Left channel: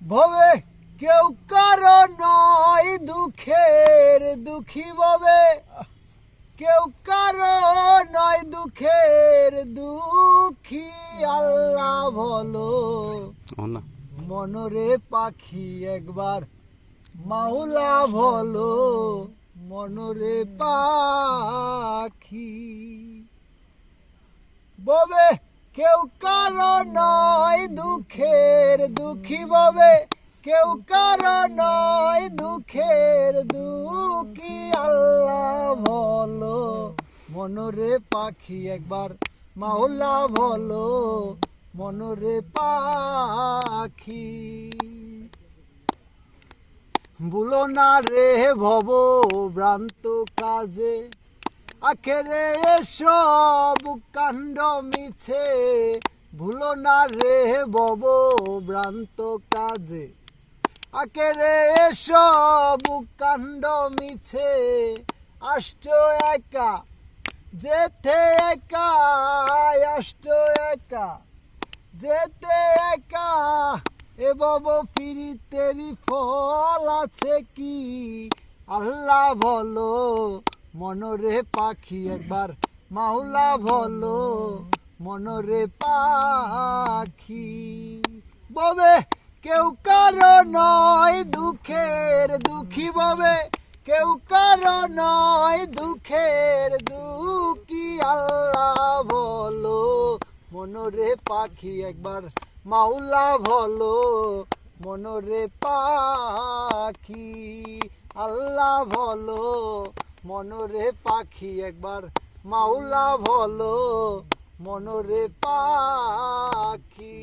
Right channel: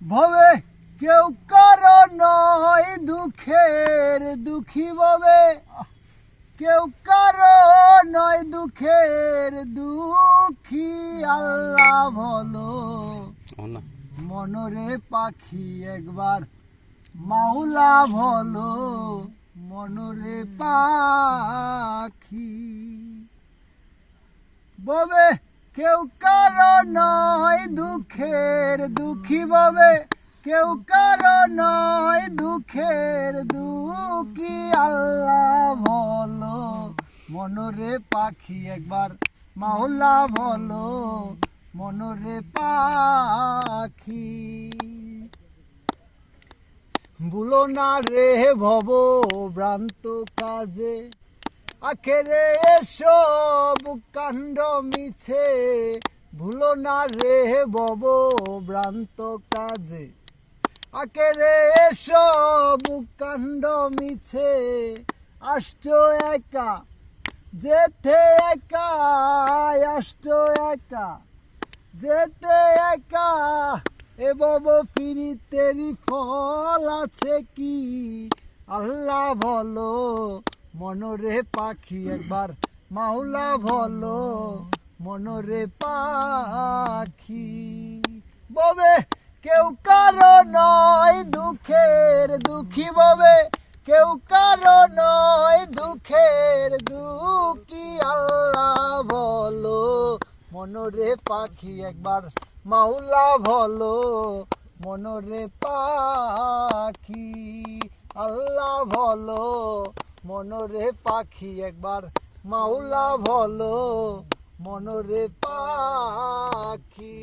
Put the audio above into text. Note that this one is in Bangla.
ভবে কেউ কারো নয় দুঃখের দুঃখী ভবে কেউ কারো নয় দুঃখের দুঃখী আল্লাহ বলো মনরে পাখি একবার মাওলা বলো মনরে পাখি ববে কেউ কারো নয় দুঃখের দুঃখী ববে কেউ কারো নয় দুঃখের দুঃখী আল্লাহ বলো মনরে পাখি একবার মাওলা বলো মনরে পাখি ভুলো না রে ভব ভ্রান্ত কাজে আখেরে এসব কাণ্ড মিছে ভুলো না রে ভব ভ্রান্ত কাজে আখেরে এসব কাণ্ড মিছে আসছো একা যেতে একা আসছো একা যেতে একা এ বব ফিরিতেরি ফল আছে কি আল্লাহ বলো মনরে পাখি একবার মাওলা বলো মনরে পাখি ববে কেউ কারো নয় দুঃখের দুঃখী ববে কেউ কারো নয় দুঃখের দুঃখী আল্লাহ বলো মনরে পাখি একবার মাওলা বলো মনরে পাখি আল্লাহ বলো মনরে পাখি একবার মাওলা বলো মনরে পাখি।